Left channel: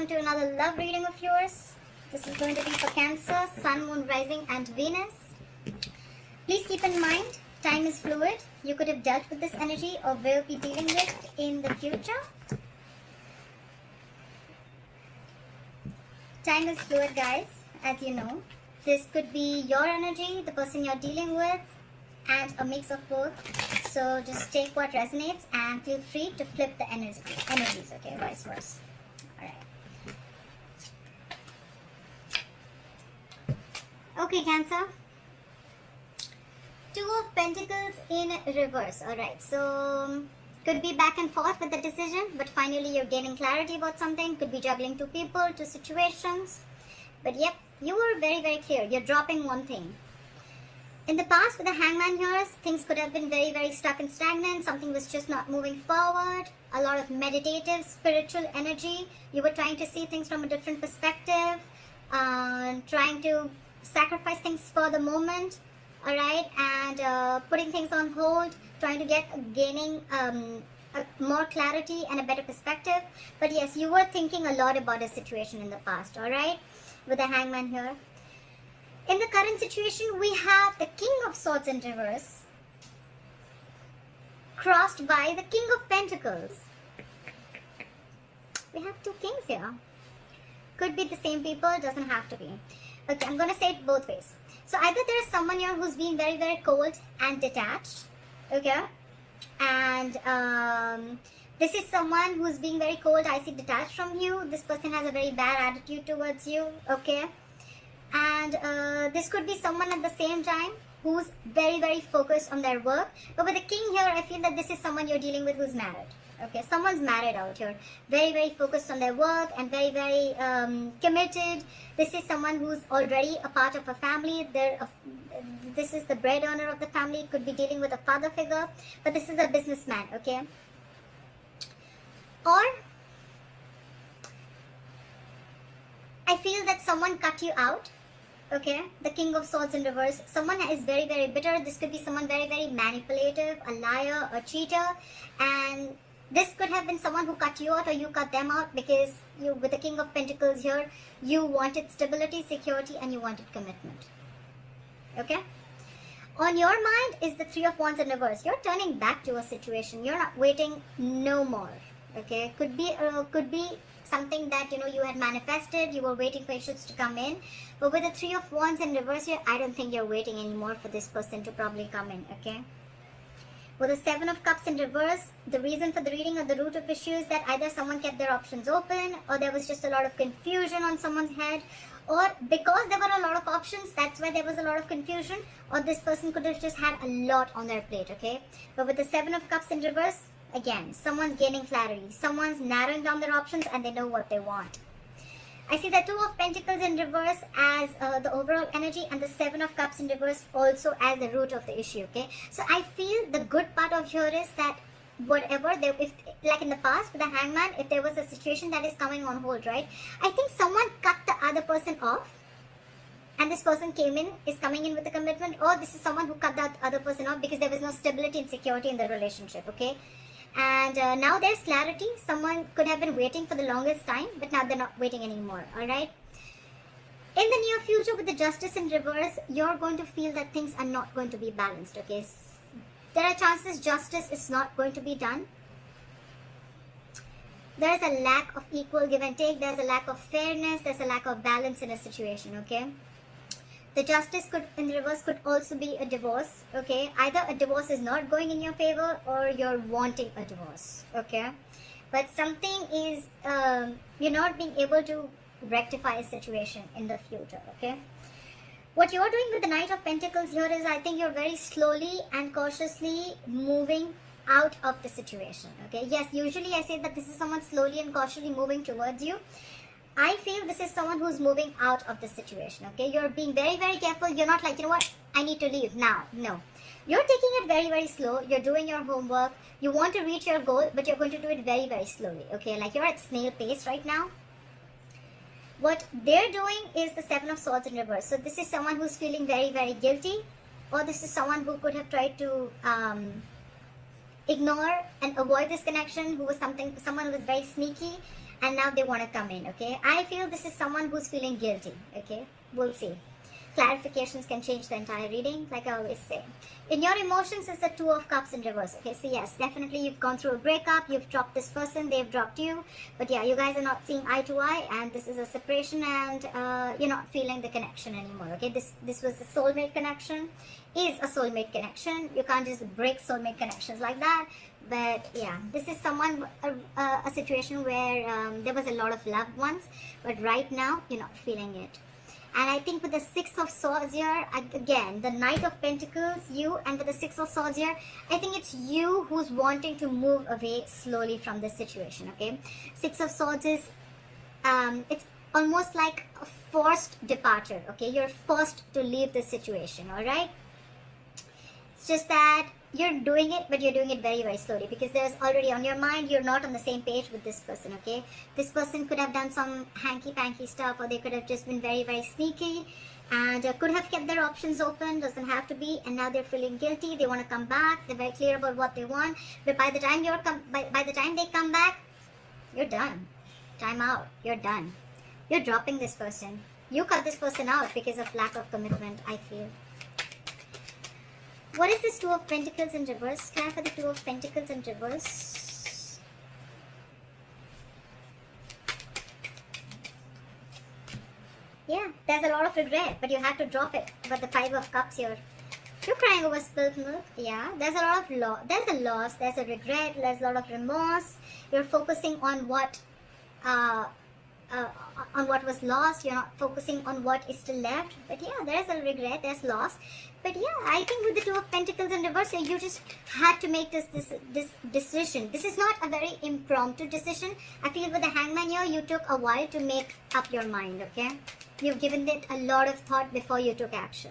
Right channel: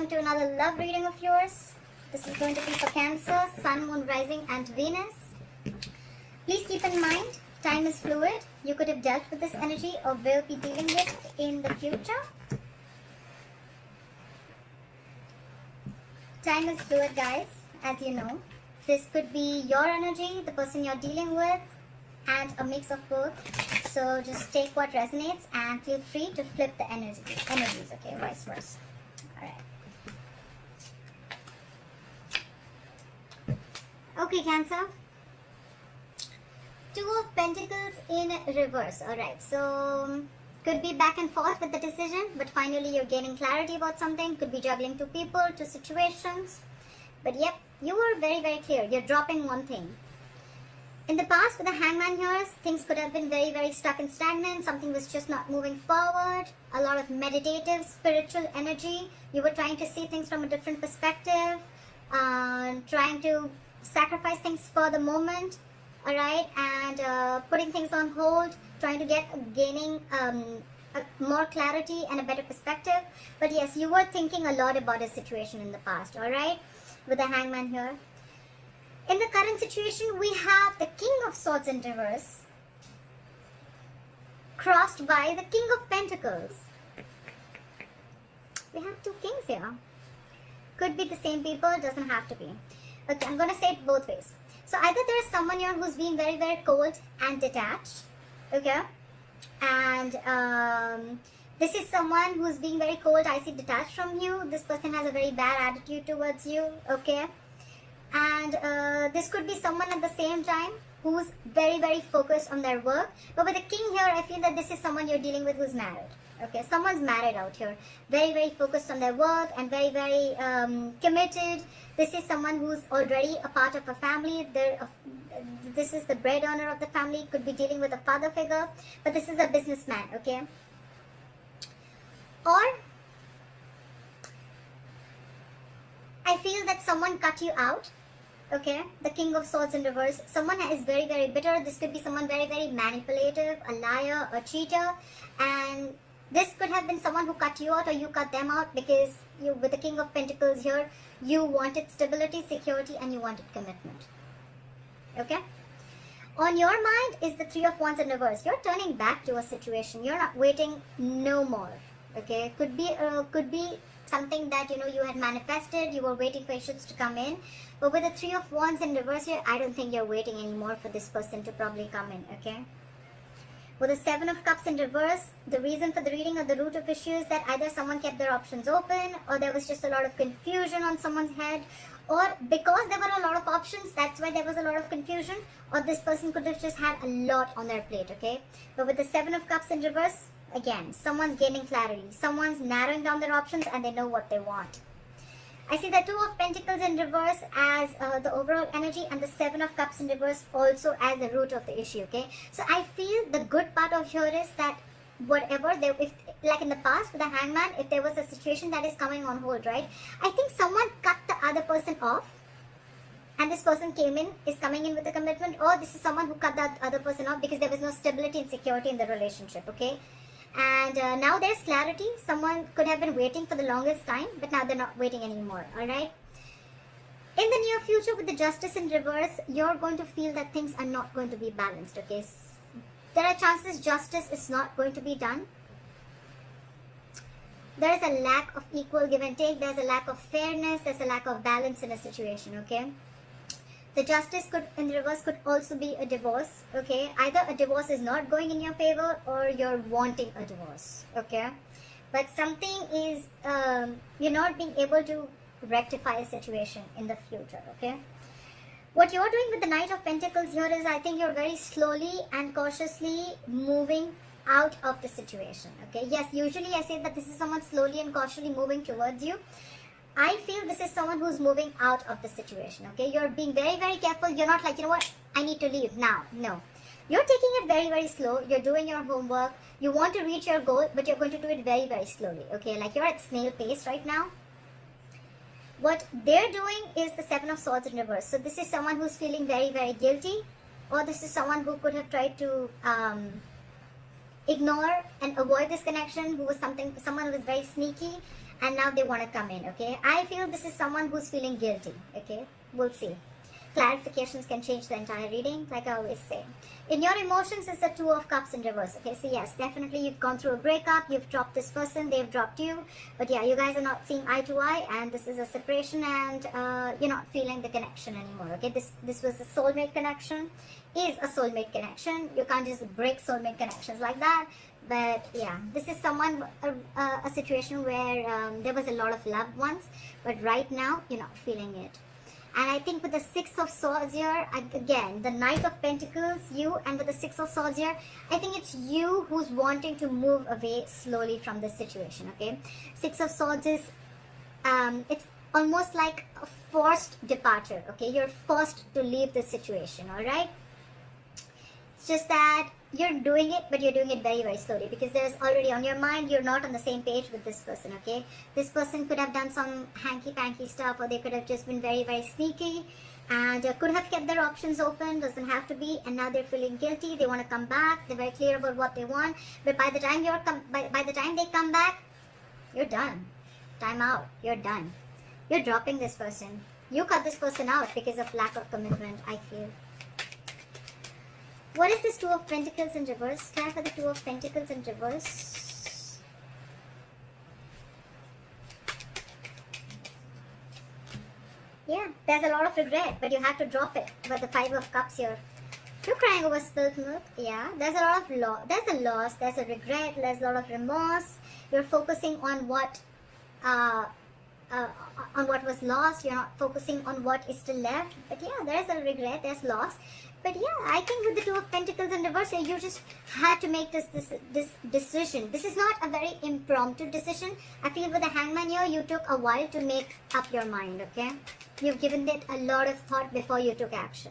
welcome to another love reading of yours. This is going to be for Cancer, Sun, Moon, Rising and Venus. Please keep in mind, time is fluid. You could have dealt with this energy or will be dealing with in the future. Time is fluid, guys, as you know. This could be your energy, the person you're dealing with, and a mix of both. So just take what resonates and feel free to flip the energies, okay, vice versa. Alright. Okay, Cancer. Two of Pentacles in reverse. Alright, so could be back and forth with the decision, but finally you're gaining clarity about something. Could be juggling two people, two situations. But yep, you were very, very clear. You're dropping one thing. In the past, with the Hangman here, things could have been very, very stuck and stagnant. Something was just not moving forward. A lot of meditative, spiritual energy. You were trying to see things from a different perspective. Trying to sacrifice things for the moment. Alright, and putting things on hold. Trying to gaining more clarity and a better perspective. But yes, you were thinking a lot about a situation in the past. Alright, with the Hangman here. In the current situation, we have the King of Swords in reverse, crossed by the King of Pentacles. We have two kings here. Could be the same people, doesn't have to be. Okay, I'm going to say it both ways. So either there is someone here who's being very, very cold and detached. Okay. And this is someone who's being very cold, icy, detached from you. This person has a very bad attitude towards you. Okay. And this could be someone at the same time who's very, very focused on their work. But with the king here, I feel that this is someone you're dealing with who's married. Okay, someone's married out here. Very, very focused on their work and very, very committed. This is someone who's already a part of a family. This is the bread earner of the family. Could be dealing with a father figure. But this is a businessman, okay? Or I feel that someone cut you out. Okay, the King of Swords in reverse. Someone is very, very bitter. This could be someone very, very manipulative, a liar, a cheater. And this could have been someone who cut you out or you cut them out because you, with the King of Pentacles here, you wanted stability, security, and you wanted commitment. Okay? On your mind is the Three of Wands in reverse. You're turning back to a situation. You're not waiting no more. Okay? Could be something that you had manifested, you were waiting for issues to come in, but with the Three of Wands in reverse here, I don't think you're waiting anymore for this person to probably come in. Okay, with the Seven of Cups in reverse, the reason for the reading of the root of issue is that either someone kept their options open, or there was just a lot of confusion on someone's head, or because there were a lot of options, that's why there was a lot of confusion, or this person could have just had a lot on their plate. Okay, but with the Seven of Cups in reverse, again, someone's gaining clarity. Someone's narrowing down their options and they know what they want. I see the Two of Pentacles in reverse as the overall energy and the Seven of Cups in reverse also as the root of the issue. Okay, so I feel the good part of here is that whatever, if like in the past with the Hangman, if there was a situation that is coming on hold, right? I think someone cut the other person off. And this person is coming in with a commitment, or this is someone who cut the other person off because there was no stability and security in the relationship. Okay. And now there's clarity. Someone could have been waiting for the longest time, but now they're not waiting anymore. Alright? In the near future, with the Justice in reverse, you're going to feel that things are not going to be balanced. Okay? There are chances justice is not going to be done. There is a lack of equal give and take. There's a lack of fairness. There's a lack of balance in a situation. Okay? The Justice in reverse could also be a divorce. Okay, either a divorce is not going in your favor or you're wanting a divorce. Okay, but something is you're not being able to rectify a situation in the future. Okay, what you're doing with the Knight of Pentacles here is, I think you're very slowly and cautiously moving out of the situation. Okay, yes, usually I say that this is someone slowly and cautiously moving towards you. I feel this is someone who's moving out of the situation. Okay, you're being very, very careful. You're not like, what, I need to leave now. No, you're taking it very, very slow. You're doing your homework. You want to reach your goal, but you're going to do it very, very slowly. Okay, like you're at snail pace right now. What they're doing is the Seven of Swords in reverse. So this is someone who's feeling very, very guilty, or this is someone who could have tried to ignore and avoid this connection, who was someone who was very sneaky and now they want to come in, okay? I feel this is someone who's feeling guilty, okay? We'll see. Clarifications can change the entire reading, like I always say. In your emotions is the Two of Cups in reverse, okay? So yes, definitely you've gone through a breakup, you've dropped this person, they've dropped you, but yeah, you guys are not seeing eye to eye, and this is a separation, and you're not feeling the connection anymore, okay? This was the soulmate connection, is a soulmate connection. You can't just break soulmate connections like that. But yeah, this is someone, a situation where there was a lot of love once, but right now you're not feeling it. And I think with the Six of Swords here, again, the Knight of Pentacles, you, and with the Six of Swords here, I think it's you who's wanting to move away slowly from this situation, okay? Six of Swords is, it's almost like a forced departure, okay? You're forced to leave the situation, alright? It's just that you're doing it, but you're doing it very, very slowly, because there's already on your mind, you're not on the same page with this person, okay? This person could have done some hanky-panky stuff, or they could have just been very, very sneaky, and could have kept their options open, doesn't have to be, and now they're feeling guilty, they want to come back, they're very clear about what they want, but by the time by the time they come back, you're done. Time out. You're done. You're dropping this person. You cut this person out because of lack of commitment, I feel. What is this Two of Pentacles in reverse? Time for the Two of Pentacles in reverse. Yeah, there's a lot of regret, but you have to drop it. But the Five of Cups here. You're crying over spilled milk. Yeah, there's a lot of loss. There's a loss. There's a regret. There's a lot of remorse. You're focusing on what was lost. You're not focusing on what is still left. But yeah, there is a regret. There's loss. But yeah, I think with the Two of Pentacles in reverse, you just had to make this decision. This is not a very impromptu decision. I feel with the Hangman here, you took a while to make up your mind, okay? You've given it a lot of thought before you took action.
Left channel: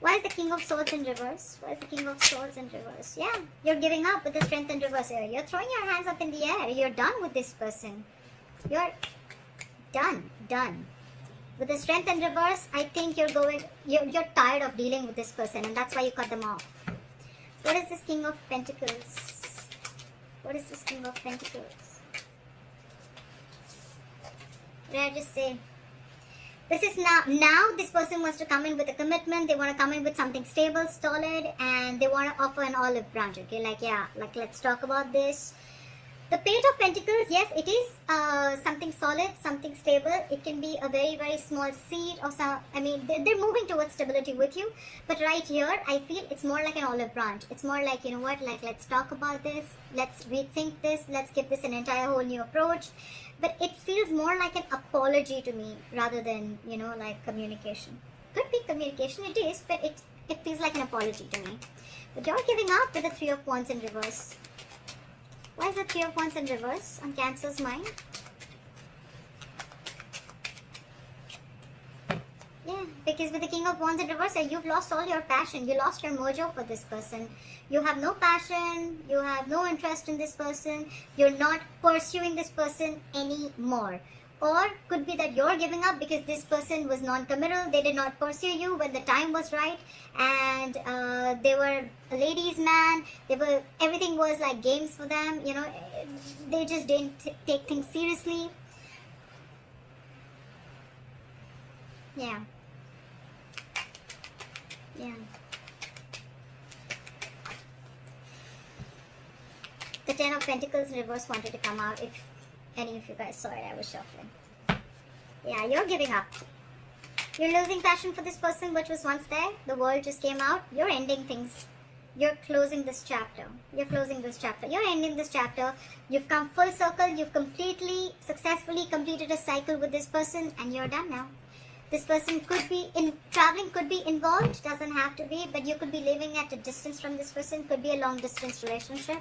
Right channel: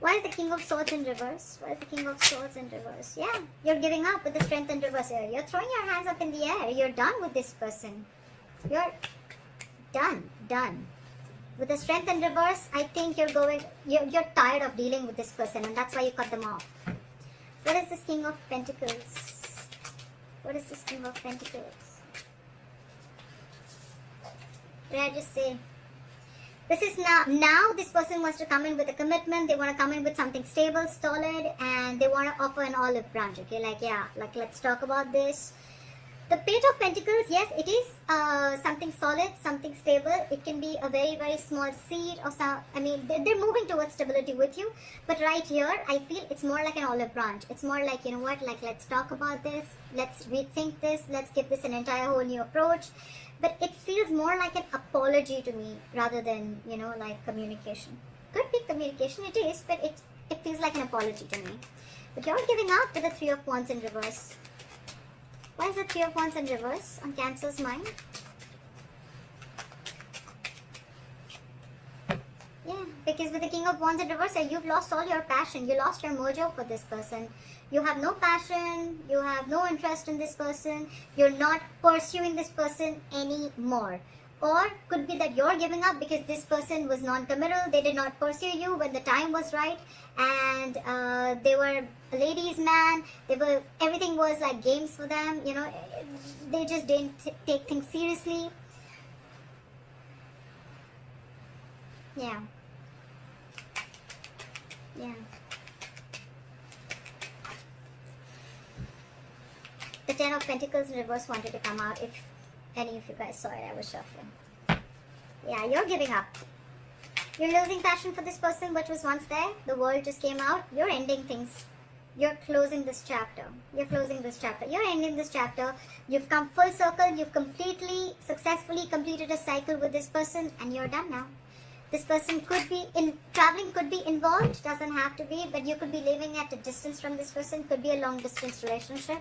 Why is the King of Swords in reverse? Why is the King of Swords in reverse? Yeah, you're giving up with the Strength in reverse here. You're throwing your hands up in the air. You're done with this person. You're done. With the Strength in reverse, I think you're tired of dealing with this person, and that's why you cut them off. What is this King of Pentacles? What is this King of Pentacles? May I just say, this is now this person wants to come in with a commitment. They want to come in with something stable, solid, and they want to offer an olive branch, okay? Like, yeah, like, let's talk about this. The Page of Pentacles, yes, it is something solid, something stable. It can be a very, very small seed of some, I mean, they're moving towards stability with you. But right here, I feel it's more like an olive branch. It's more like, you know what, like, let's talk about this. Let's rethink this. Let's give this an entire whole new approach. But it feels more like an apology to me rather than, you know, like communication. Could be communication, it is, but it feels like an apology to me. But you're giving up with the Three of Wands in reverse. Why is the Three of Wands in reverse on Cancer's mind? Yeah, because with the King of Wands in reverse, you've lost all your passion. You lost your mojo for this person. You have no passion. You have no interest in this person. You're not pursuing this person anymore. Or could be that you're giving up because this person was non-committal. They did not pursue you when the time was right, and they were a ladies' man. Everything was like games for them. You know, they just didn't take things seriously. Yeah. The Ten of Pentacles reverse wanted to come out. If any of you guys saw it, I was shuffling. Yeah, you're giving up. You're losing passion for this person, which was once there. The world just came out. You're ending things. You're closing this chapter. You're ending this chapter. You've come full circle. You've completely, successfully completed a cycle with this person, and you're done now. This person could be traveling, could be involved, doesn't have to be, but you could be living at a distance from this person, could be a long distance relationship.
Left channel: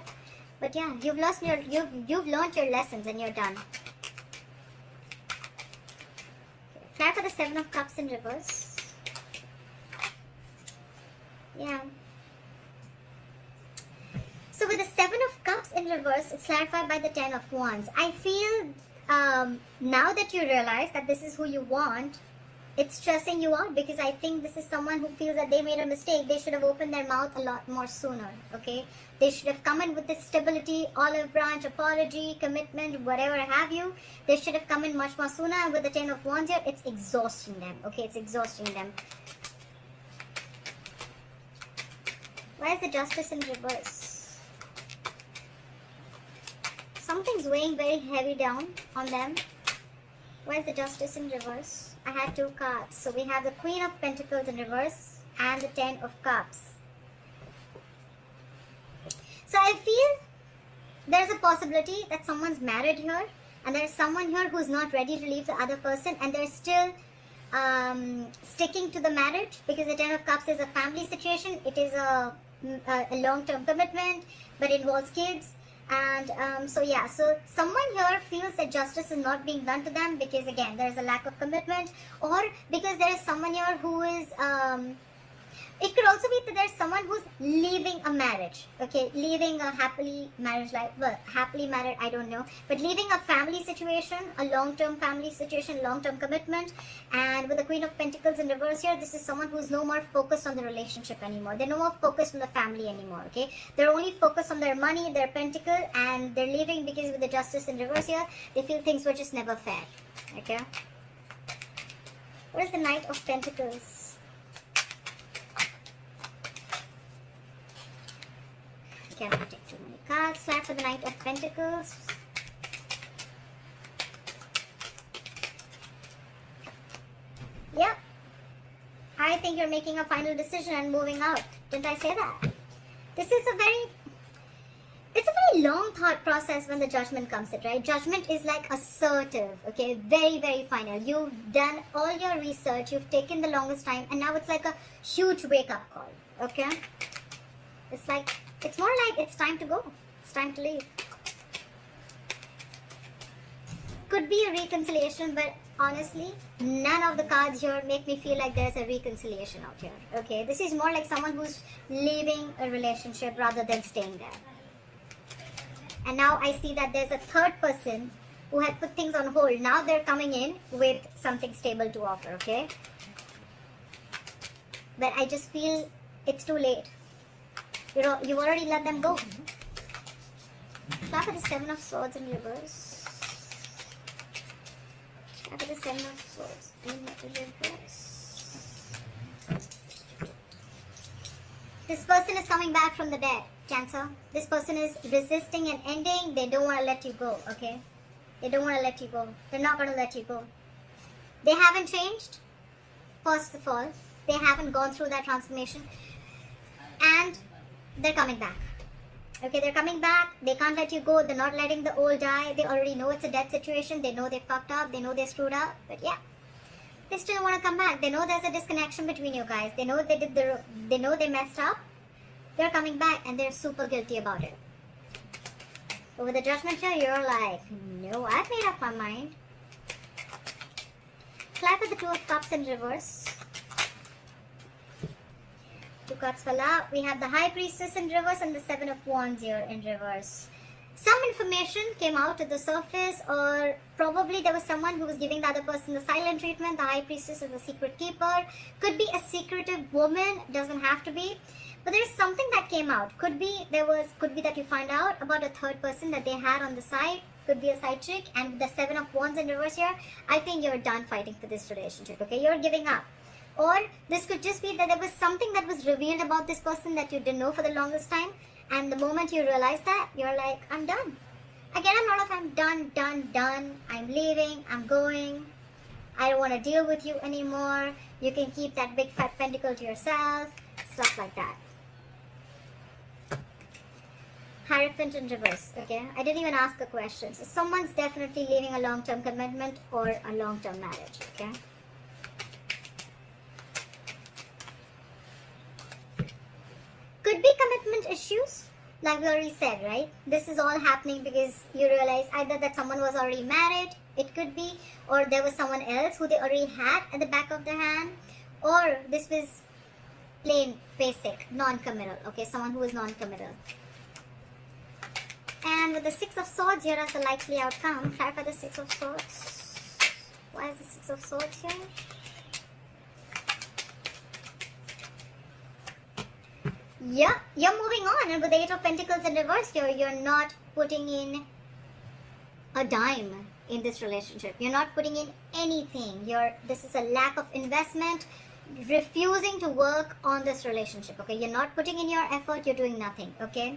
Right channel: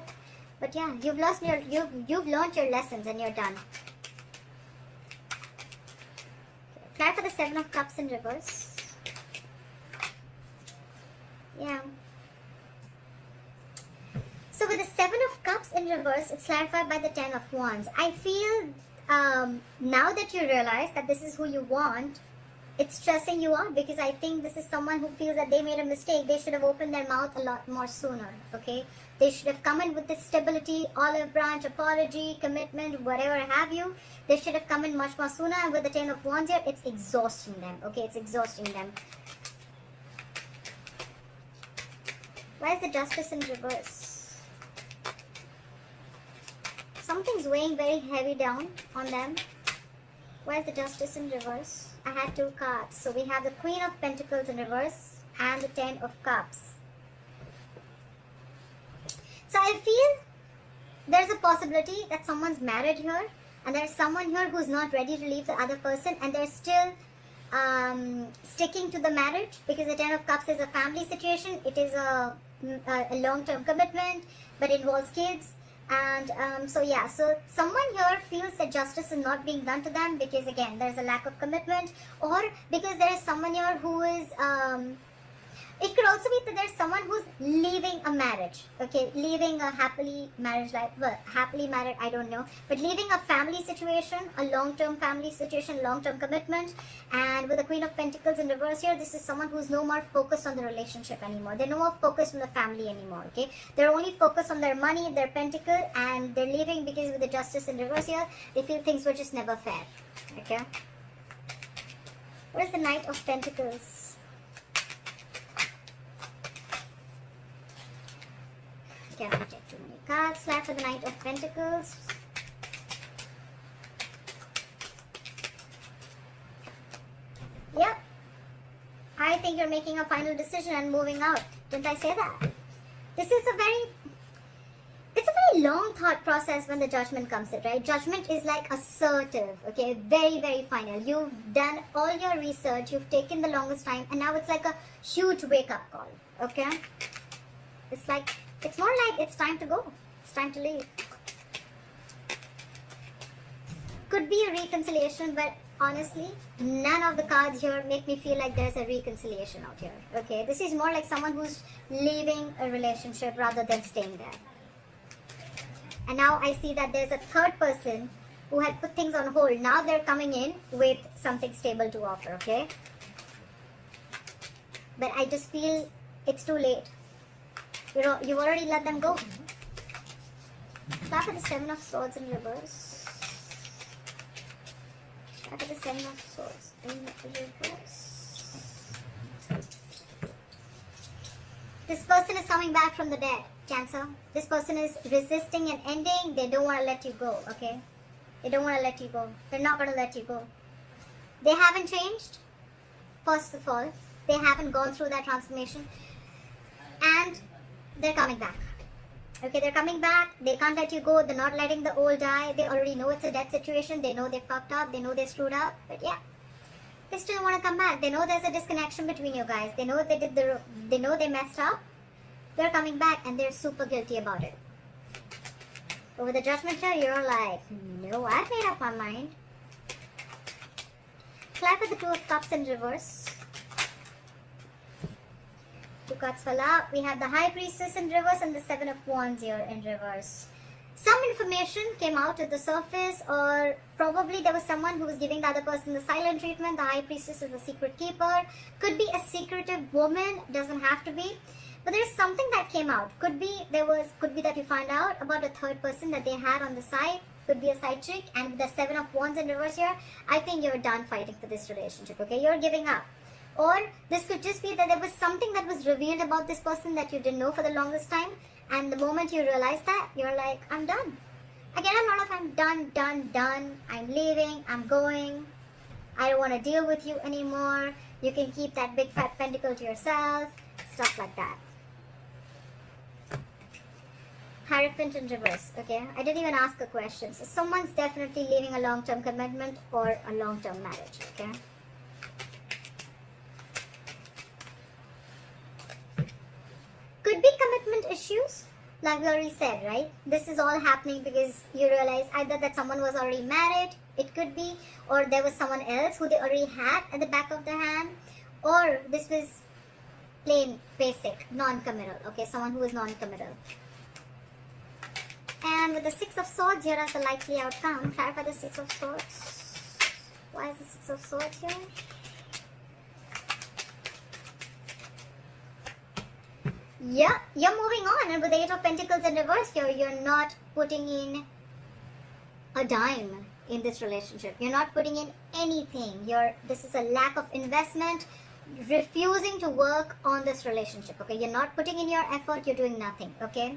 But yeah, you've learned your lessons and you're done. Now for the Seven of Cups in reverse. Yeah. So with the Seven of Cups in reverse, it's clarified by the Ten of Wands. I feel now that you realize that this is who you want, it's stressing you out, because I think this is someone who feels that they made a mistake. They should have opened their mouth a lot more sooner, okay? They should have come in with this stability, olive branch, apology, commitment, whatever have you. They should have come in much more sooner. With the 10 of Wands here, it's exhausting them. Okay, it's exhausting them. Why is the Justice in reverse? Something's weighing very heavy down on them. Why is the Justice in reverse? I had 2 cards. So we have the Queen of Pentacles in reverse and the 10 of Cups. So I feel there's a possibility that someone's married here and there's someone here who's not ready to leave the other person and they're still sticking to the marriage, because the 10 of Cups is a family situation. It is a long-term commitment but involves kids. And so someone here feels that justice is not being done to them because again there is a lack of commitment, or because there is someone here who is it could also be that there's someone who's leaving a marriage, okay, leaving a happily marriage life, well, happily married, I don't know, but leaving a family situation, a long-term family situation, long-term commitment. And with the Queen of Pentacles in reverse here, this is someone who's no more focused on the relationship anymore. They're no more focused on the family anymore, okay? They're only focused on their money, their pentacle, and they're leaving because with the Justice in reverse here, they feel things were just never fair, okay? What is the Knight of Pentacles? Cannot take too many cards. Slide for the Knight of Pentacles. Yep. I think you're making a final decision and moving out. Didn't I say that? This is it's a very long thought process when the Judgment comes in, right? Judgment is like assertive, okay? Very, very final. You've done all your research, you've taken the longest time, and now it's like a huge wake-up call, okay? It's more like it's time to go. It's time to leave. Could be a reconciliation, but honestly, none of the cards here make me feel like there's a reconciliation out here. Okay, this is more like someone who's leaving a relationship rather than staying there. And now I see that there's a third person who had put things on hold. Now they're coming in with something stable to offer, okay? But I just feel it's too late. You've already let them go. Start with the 7 of Swords in reverse. Start with the 7 of Swords in reverse. This person is coming back from the dead, Cancer. This person is resisting an ending. They don't want to let you go, okay? They don't want to let you go. They're not going to let you go. They haven't changed, first of all. They haven't gone through that transformation. And they're coming back. Okay, they're coming back. They can't let you go. They're not letting the old die. They already know it's a death situation. They know they fucked up. They know they screwed up. But yeah, they still want to come back. They know there's a disconnection between you guys. They know they know they messed up. They're coming back and they're super guilty about it. But with the Judgment here, you're like, no, I've made up my mind. Clap at the 2 of Cups in reverse. 2 cards fell out. We have the High Priestess in reverse and the 7 of Wands here in reverse. Some information came out to the surface, or probably there was someone who was giving the other person the silent treatment. The High Priestess is the secret keeper. Could be a secretive woman, doesn't have to be. But there's something that came out. Could be that you find out about a third person that they had on the side. Could be a side chick. And the 7 of Wands in reverse here, I think you're done fighting for this relationship. Okay, you're giving up. Or this could just be that there was something that was revealed about this person that you didn't know for the longest time. And the moment you realize that, you're like, I'm done. Again, I'm not like I'm done. I'm leaving. I'm going. I don't want to deal with you anymore. You can keep that big fat pentacle to yourself. Stuff like that. Hierophant in reverse. Okay, I didn't even ask a question. So someone's definitely leaving a long-term commitment or a long-term marriage. Okay. Could be commitment issues, like we already said, right? This is all happening because you realize either that someone was already married, it could be, or there was someone else who they already had at the back of their hand, or this was plain, basic, non-committal, okay, someone who is non-committal. And with the 6 of Swords, here is the likely outcome. Clarify the 6 of Swords. Why is the 6 of Swords here? Yeah, you're moving on, and with the Eight of Pentacles in reverse here, you're not putting in a dime in this relationship. You're not putting in anything. This is a lack of investment, refusing to work on this relationship. Okay, you're not putting in your effort. You're doing nothing. Okay.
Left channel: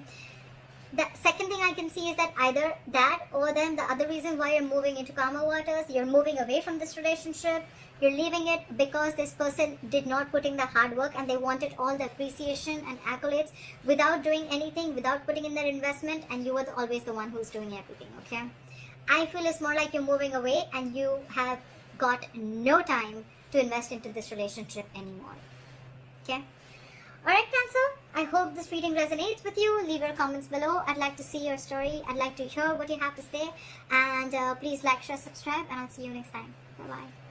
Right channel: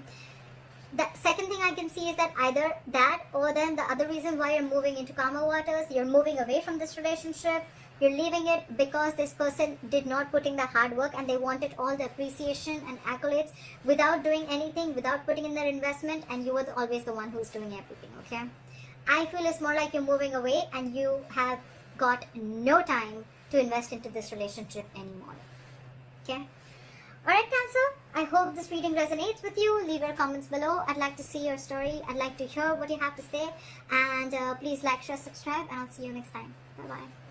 The second thing I can see is that either that, or then the other reason why you're moving into calmer waters, you're moving away from this relationship. You're leaving it because this person did not put in the hard work and they wanted all the appreciation and accolades without doing anything, without putting in their investment, and you were always the one who's doing everything. Okay. I feel it's more like you're moving away and you have got no time to invest into this relationship anymore. Okay. Alright, Cancer, I hope this reading resonates with you. Leave your comments below. I'd like to see your story. I'd like to hear what you have to say. And please like, share, subscribe, and I'll see you next time. Bye-bye.